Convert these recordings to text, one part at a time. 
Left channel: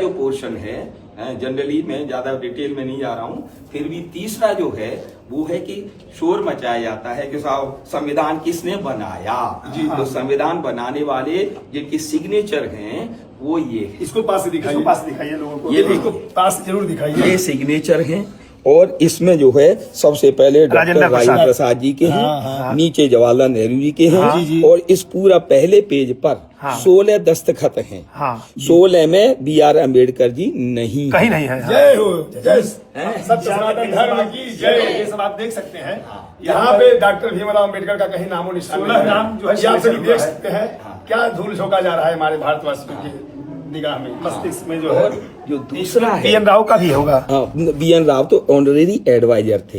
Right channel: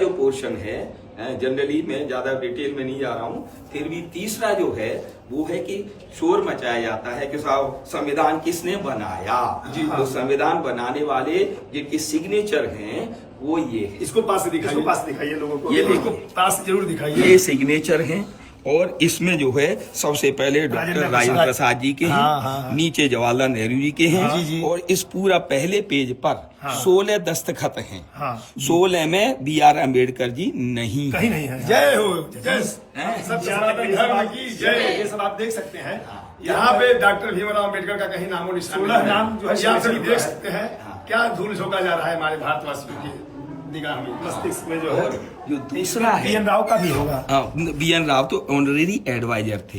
जो पोर्शन है, जनरली मैं ज्यादा डिटेल में नहीं जा रहा हूँ, फिर भी तीसरा जो है वो है कि शोर मचाया जाता है कि साहब संविधान किसने बनाया जी। तो संविधान बनाने वाले जिनके सिग्नेचर हैं वो ये है। इसको पास से दिखाइए लोगों को, ये इसको पास से जरूर दिखाइए। ये सिग्नेचर हैं और इसमें जो है सबसे पहले डॉक्टर राजेंद्र प्रसाद जी के हैं, नीचे जवाहरलाल नेहरू जी के हैं और इस पूरा पहले पेज पर 16 दस्तखत हैं। 16 में BR अम्बेडकर जी नहीं, कहीं नहीं है। जय हो, जय सत्य सनातन धर्म की जय। ये सब आप देख सकते हैं यहाँ पे डॉक्टर भीमराव अम्बेडकर का कहीं नामो निशान, 16 नाम जो है आप सभी देख सकते हैं। क्या धूल झोंका जा रहा है हमारे भारतवासियों की निगाह में, मस्तिष्क में जो है। जो दूसरा है BN राव का भी होगा। BN राव तो ऑनरेरी एडवाइजर थे,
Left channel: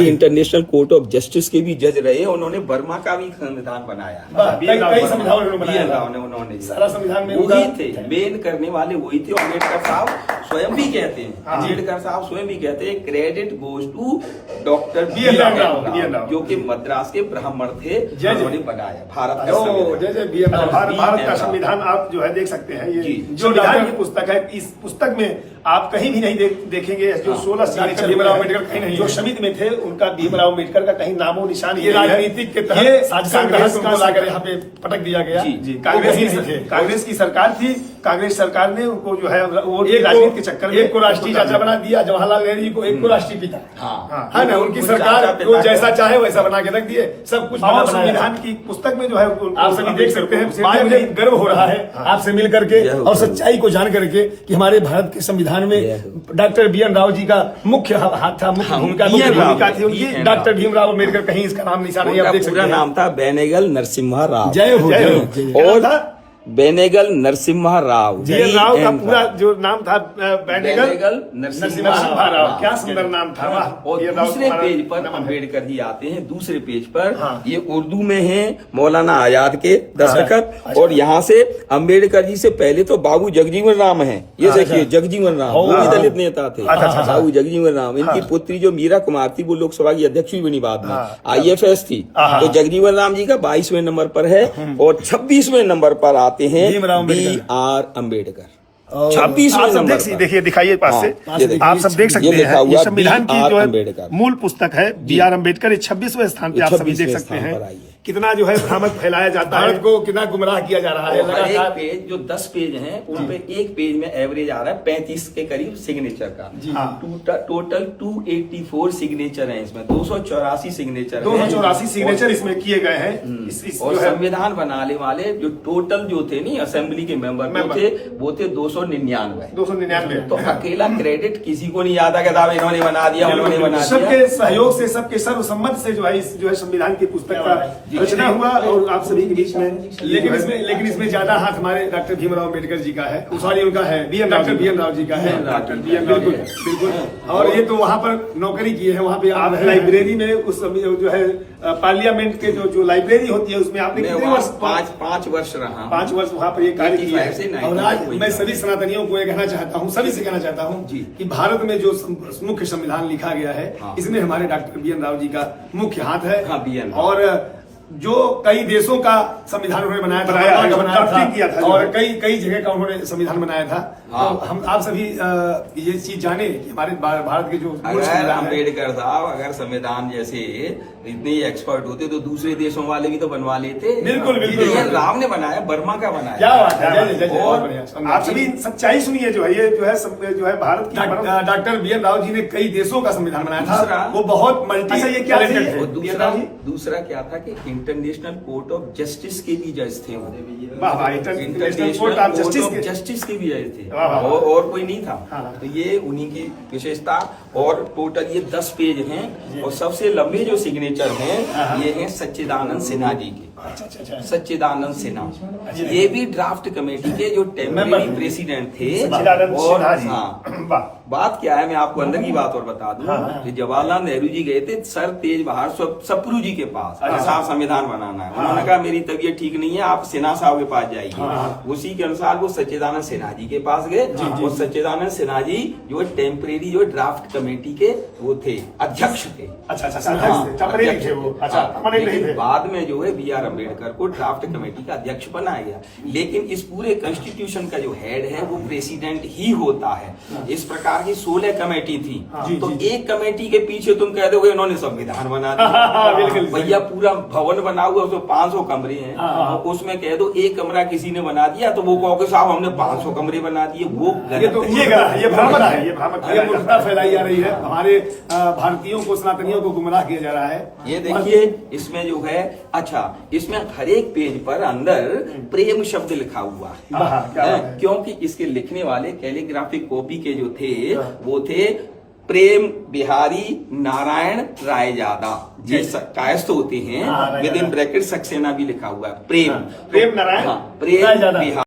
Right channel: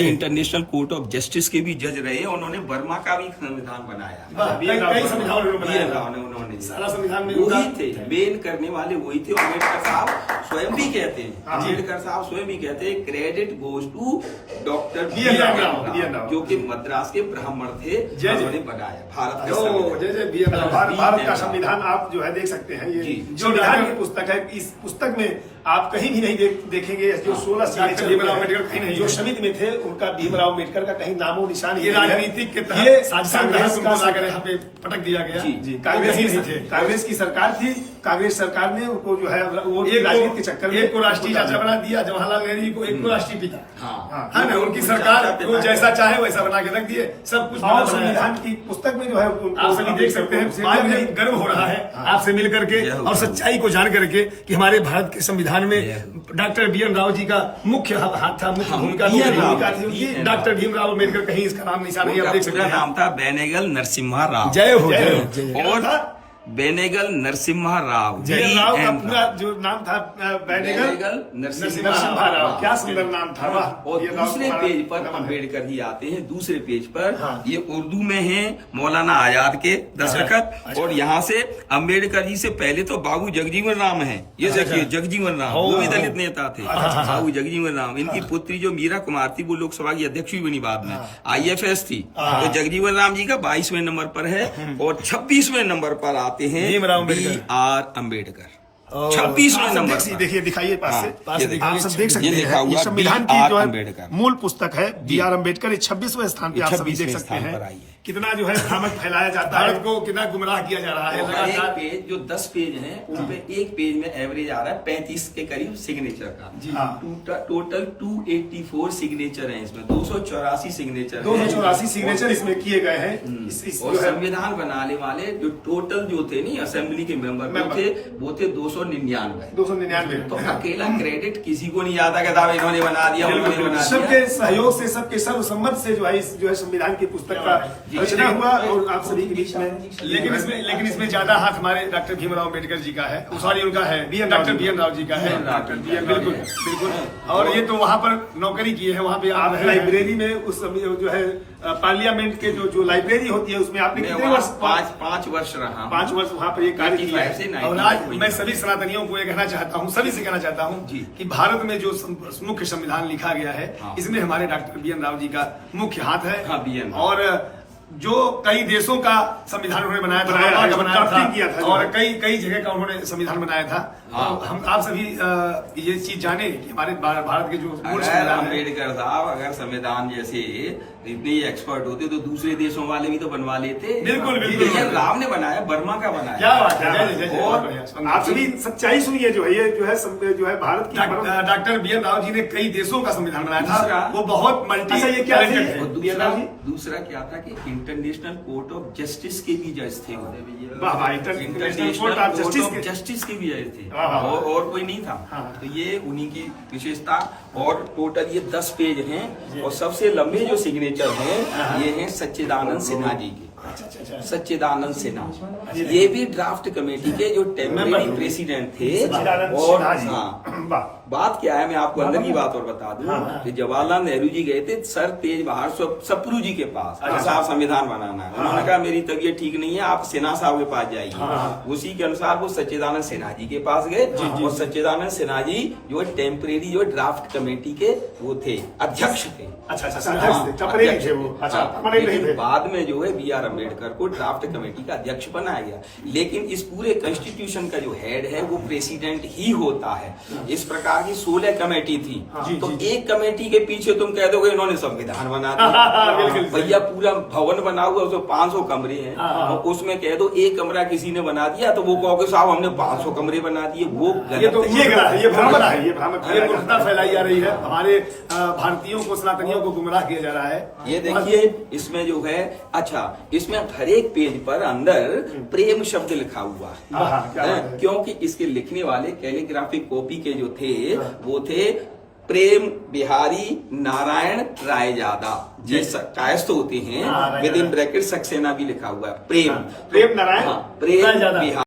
इंटरनेशनल कोर्ट ऑफ जस्टिस के भी जज रहे। उन्होंने बर्मा का भी संविधान बनाया, कई संविधान उन्होंने सारा संविधान में वही थे, मेन करने वाले वही थे। अम्बेडकर साहब स्वयं भी कहते हैं, अम्बेडकर साहब स्वयं भी कहते हैं credit goes to doctor BN Rao, जो कि मद्रास के ब्राह्मण थे, जिन्होंने बनाया भारत का भारत का संविधान। आप जो है देख सकते हैं, ये जो की पुस्तक है, इस पुस्तक में आप कहीं भी नहीं देखेंगे जो 16 डॉक्टर भीमराव अम्बेडकर कहीं नहीं, जो समिति में थे उनका भीमराव अम्बेडकर का कहीं नामो निशान। ये राजनीतिक के तहत कांग्रेस को लाकर यहाँ पे पटक दिया गया। कांग्रेस की सरकार थी, कांग्रेस सरकार ने उनको जो है वो राजनीति के चक्कर में एक को राष्ट्रीय चाचा बना दिया, जवाहरलाल नेहरू जी को एक को राष्ट्रीय पिता, है ना। उनकी सरकार वो जैसा चाहे वैसा बना के रख दिए, सब कुछ संविधान की पुस्तक में जो है आप सभी देख सकते हैं। आज मुझे गर्व हो रहा है आपसे मिल करके और सच्चाई को जान करके कि हमारे भारत के संविधान में डॉक्टर BN राव जी का मुख्य हाथ था, मुख्य भूमिका थी उनकी। डॉक्टर भीमराव अम्बेडकर कहीं इसका नाम निशान नहीं, आप देख सकते हैं। नाम था बेनेगल नरसिम्हा राव। जय हो। और बेनेगल नरसिम्हा राव, राव का पूरा जो नाम था बेनेगल नरसिम्हा राव। क्या सुंदर नाम था। और दूसरे पेज पर अम्बेडकर जी आते हैं, दूसरे पेज पर ये उर्दू में है, मौलाना आजाद के दस्तखत। और यहाँ से अम्बेडकर जी से पहले तो बाबू जगजीवन राम है, ये देखिए जगजीवन राम, वो भी दलित नेता थे, बाबू जगजीवन राम। इनकी पुत्री जो मीरा कुमार थी वो लोकसभा की अध्यक्ष भी बनी बाद में, IFS थी। तो जगजीवन राम जी का 22वें नंबर पर है और 26वें नंबर पर आते हैं BR अम्बेडकर। 26वें नंबर पर देखिए, दिखाइए पास से, आप सब देख सकते हैं। ये संविधान की जो है मूल पुस्तक है BR अम्बेडकर, 26वें स्थान पे आप सभी देख सकते हैं। कितना जो है भ्रामक फैलाया जाता है, भारत को कितना गुमराह किया जा रहा है। एक पेज जो 10 पेज हैं उनपे एक पेज में एवरेज आ रहा है 35 के करीब सिग्नेचर का। टोटल 284 सिग्नेचर हैं इसमें, 284 सिग्नेचर 284 सिग्नेचर इसमें किए गए हैं। और संविधान बनाने वाले जो टोटल जो थे नहीं असेंबली के मेंबर थे वो थे 299। तो अकेला क्रेडिट किसी को नहीं आता कि साहब इन्होंने बना दिया, उन्होंने बना दिया। सबके सहयोग से, सबके सर्वसम्मत से जो है संविधान की पुस्तक का रचना हुआ और आप सभी के बीच में। लेकिन इसमें ज्यादा हाथ हमारे डॉक्टर भीमराव अम्बेडकर जी का है, सॉरी उनका है, डॉक्टर BN राव जी का है। बिल्कुल। और ये तो वहाँ पर नौकरी किए हैं, वहाँ पे आप लाइब्रेरी में उस जो है पार्लियामेंट के जो लाइब्रेरी होती है उसमें आपने कितने वर्ष? 5 वर्ष रहा। 5 वर्ष वहाँ पर ये कार्य किया है। और आज मैं सभी सनातनियों को ये कहना चाहता हूँ, सभी से कहना चाहता हूँ कि भारत में जो मुख्य संविधान लिखा गया है इसमें हमारे डॉक्टर BN राव जी का मुख्य हाथ है। और जो कई देशों का संविधान उन्होंने बनाया था और कई जगह का उन्होंने संविधान बनाया था। तो हम आप सभी ये चीज जाने कि हमारे भारत के जो अम्बेडकर साहब अगर संविधान जैसे इतने एक्सपर्ट होते तो दूसरे देशों वाले भी तो बनवा लेते। बिल्कुल। राम ने बनाया, बर्मा का बनाया। क्या बात है। और आप सभी सच्चाई सुनिए, जो है भारत की डॉक्टर BN राव जी ने कई देशों का संविधान बनाया था। वो बहुत मल्टी दूसरा क्या था कि इंटरनेशनल कोर्ट ऑफ जस्टिस के भी जज थे, इंटरनेशनल कोर्ट ऑफ जस्टिस के भी जज थे और कोई नहीं था। तो ये उन्हीं की विशेषता। और टोटल ये 10 पेज हैं और सबसे लंबे जो सिग्नेचर हैं ये हैं सच्चिदानंद सिन्हा जी के। सच्चिदानंद सिन्हा ये भी ड्राफ्ट कमेटी के जो टेम्परेरी प्रेसिडेंट थे। और बात क्या है, मैं आपको अंदर की बात और बता दूं। जवाहरलाल नेहरू जी गए थे सर तेज बहादुर सप्रू जी के पास, साहब संविधान संविधान बनाना है। उन्होंने कहा मेरी तबीयत ठीक नहीं है, आप सिन्हा साहब के पास जाइए। उसी के अनुसार वो सच्चिदानंद सिन्हा जी के पास गए और सच्चिदानंद सिन्हा जी जो टेम्परेरी जो ड्राफ्ट कमेटी के वो थे, अध्यक्ष थे। अच्छा, अध्यक्ष थे वो। लेकिन बाद में जो है B.R. अम्बेडकर को ड्राफ्ट कमेटी का अध्यक्ष बनाया गया। लेकिन इस पूरे कॉन्स्टिट्यूशन का जो हेड है वो प्रेसिडेंट ही होता है। इस प्रकार की 16 कमेटी थी, तो एक कमेटी के पीछे तुम कह दोगे इन्होंने संविधान बना दिया। भैया पूरा भवन बना हुआ, उसमें 500 कमरे हैं, और उसमें कह दो एक कमरा किसी ने बना दिया तो वो कहोगे साहब हमने 500 कमरे बना दिए। वो ये भ्रम है, ये दुर्घटना फैलाई जा रही है, हमारे भारतीयों को, सनातनियों को गुमराह किया जा रहा है। ये देखिए इसमें जो है, अच्छा इसमें हर एक पेज पर अंदर प्रेम शब्द लिखा हुआ है, क्योंकि इसके लिखने वाले कैलीग्राफिक कॉपी के जो थे वो थे प्रेम बिहारी नारायण रायजादा, जी कायस्थ होते हैं, विद इन ब्रैकेट सक्सेना भी लिखा हुआ है, प्रेम नारायण, प्रेम बिहारी।